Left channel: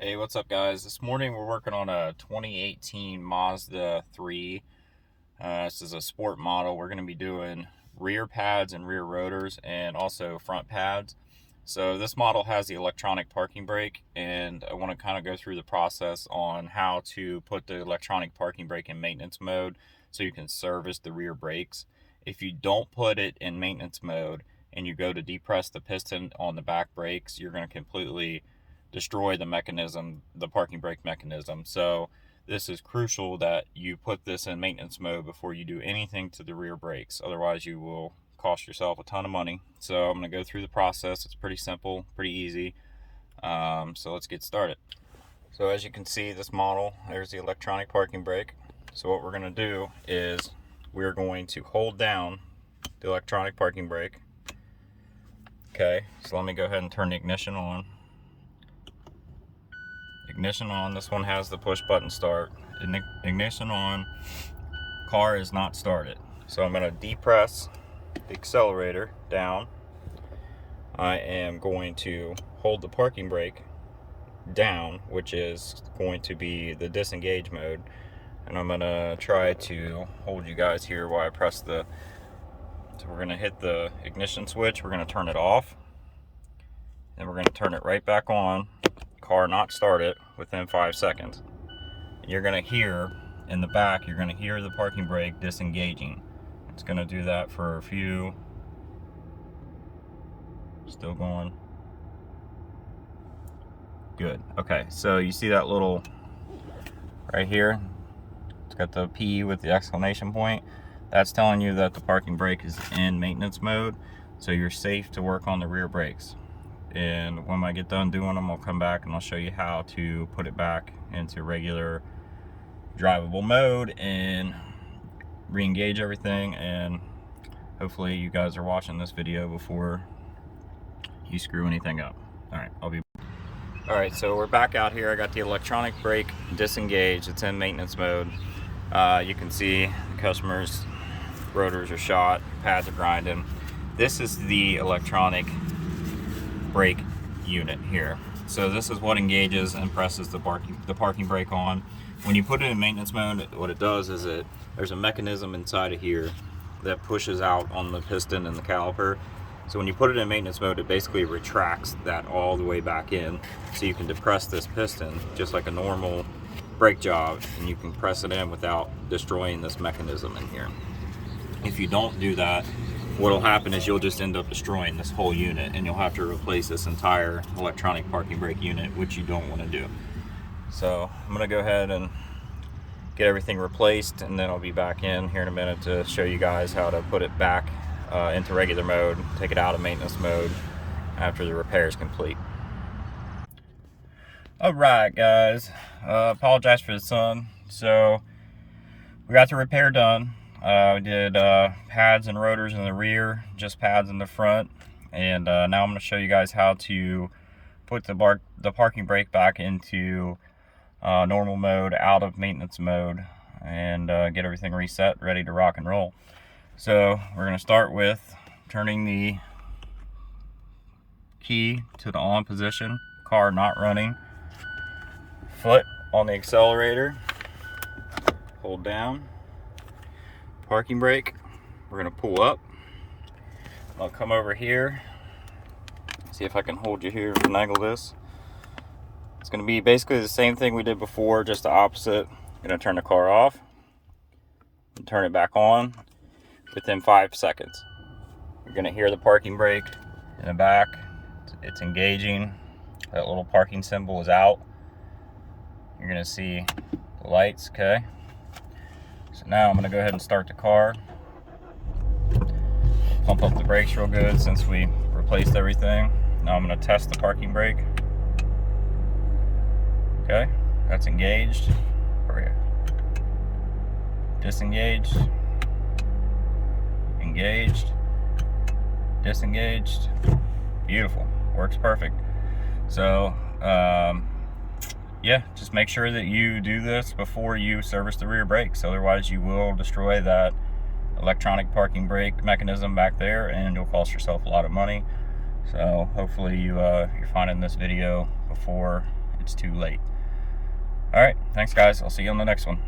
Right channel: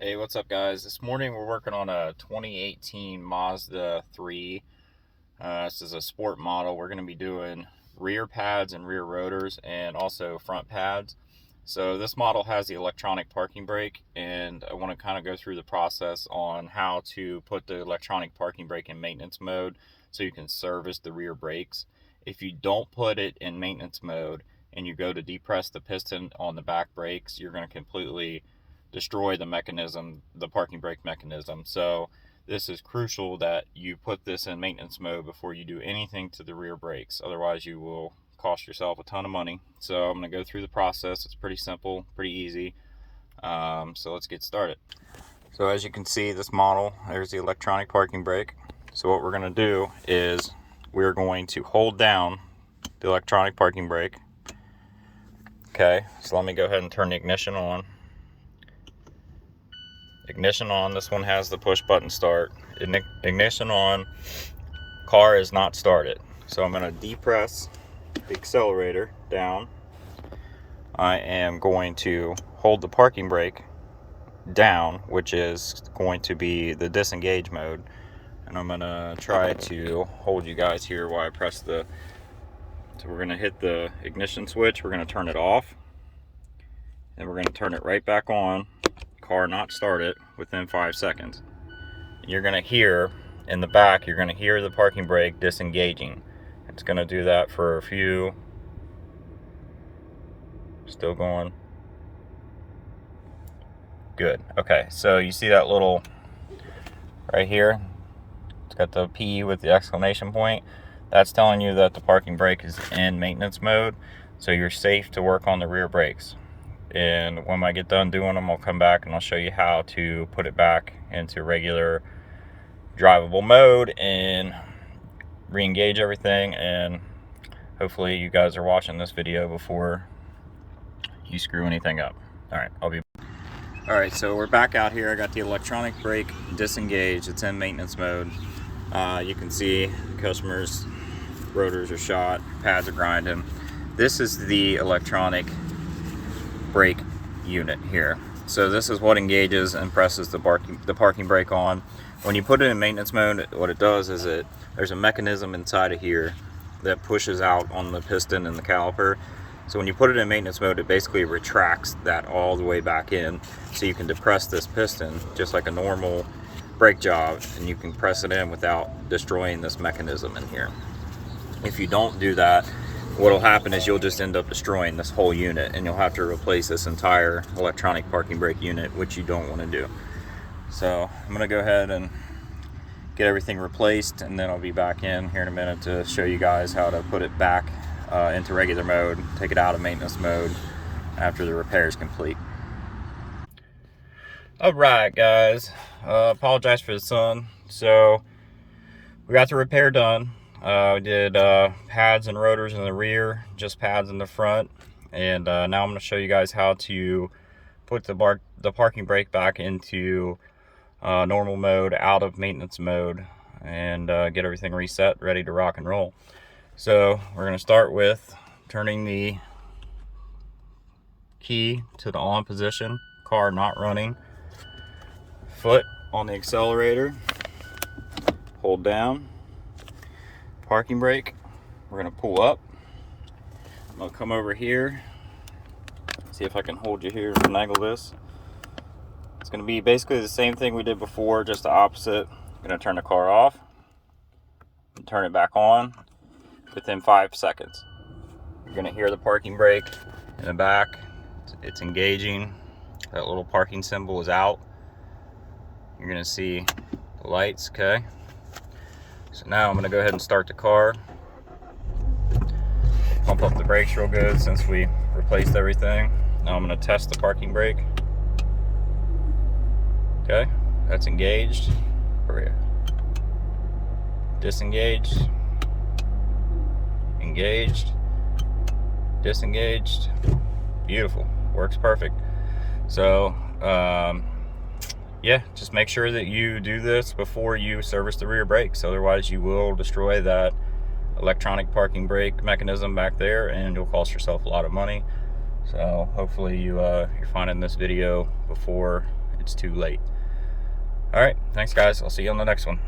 Hey, what's up, guys? This morning we're working on a 2018 Mazda 3. This is a sport model. We're going to be doing rear pads and rear rotors and also front pads. So this model has the electronic parking brake, and I want to kind of go through the process on how to put the electronic parking brake in maintenance mode so you can service the rear brakes. If you don't put it in maintenance mode and you go to depress the piston on the back brakes, you're going to completely destroy the mechanism, the parking brake mechanism. So this is crucial that you put this in maintenance mode before you do anything to the rear brakes. Otherwise you will cost yourself a ton of money. So I'm going to go through the process. It's pretty simple, pretty easy. So let's get started. So as you can see, this model, there's the electronic parking brake. So what we're going to do is we're going to hold down the electronic parking brake. Okay, so let me go ahead and turn the ignition on. Ignition on. This one has the push button start. Ignition on. Car is not started. So I'm going to depress the accelerator down. I am going to hold the parking brake down, which is going to be the disengage mode. And I'm going to try to hold you guys here while I press the... So we're going to hit the ignition switch. We're going to turn it off. Then we're going to turn it right back on. Car not started within 5 seconds. And you're going to hear in the back, you're going to hear the parking brake disengaging. It's going to do that for a few. Still going. Good. Okay, so you see that little right here? It's got the P with the exclamation point. That's telling you that the parking brake is in maintenance mode, so you're safe to work on the rear brakes. And when I get done doing them, I'll come back and I'll show you how to put it back into regular drivable mode and re-engage everything. And hopefully you guys are watching this video before you screw anything up. All right, so we're back out here. I got the electronic brake disengaged. It's in maintenance mode. You can see the customer's rotors are shot, pads are grinding. This is the electronic brake unit here. So this is what engages and presses the parking brake on. When you put it in maintenance mode, what it does is there's a mechanism inside of here that pushes out on the piston and the caliper. So when you put it in maintenance mode, it basically retracts that all the way back in, so you can depress this piston just like a normal brake job, and you can press it in without destroying this mechanism in here. If you don't do that, what'll happen is you'll just end up destroying this whole unit, and you'll have to replace this entire electronic parking brake unit, which you don't want to do. So I'm going to go ahead and get everything replaced, and then I'll be back in here in a minute to show you guys how to put it back into regular mode, take it out of maintenance mode after the repair is complete. Alright guys, apologize for the sun. So we got the repair done. We did pads and rotors in the rear, just pads in the front, and now I'm going to show you guys how to put the parking brake back into normal mode, out of maintenance mode, and get everything reset, ready to rock and roll. So we're going to start with turning the key to the on position, car not running, foot on the accelerator, hold down, parking brake. We're going to pull up. I'll come over here, see if I can hold you here and finagle this. It's going to be basically the same thing we did before, just the opposite. I'm going to turn the car off and turn it back on within 5 seconds. You're going to hear the parking brake in the back. It's engaging. That little parking symbol is out. You're going to see the lights. Okay, so now I'm going to go ahead and start the car. Pump up the brakes real good since we replaced everything. Now I'm going to test the parking brake. Okay, that's engaged. Disengaged. Engaged. Disengaged. Beautiful. Works perfect. So yeah, just make sure that you do this before you service the rear brakes. Otherwise you will destroy that electronic parking brake mechanism back there, and you'll cost yourself a lot of money. So hopefully you're finding this video before it's too late. All right, thanks guys. I'll see you on the next one.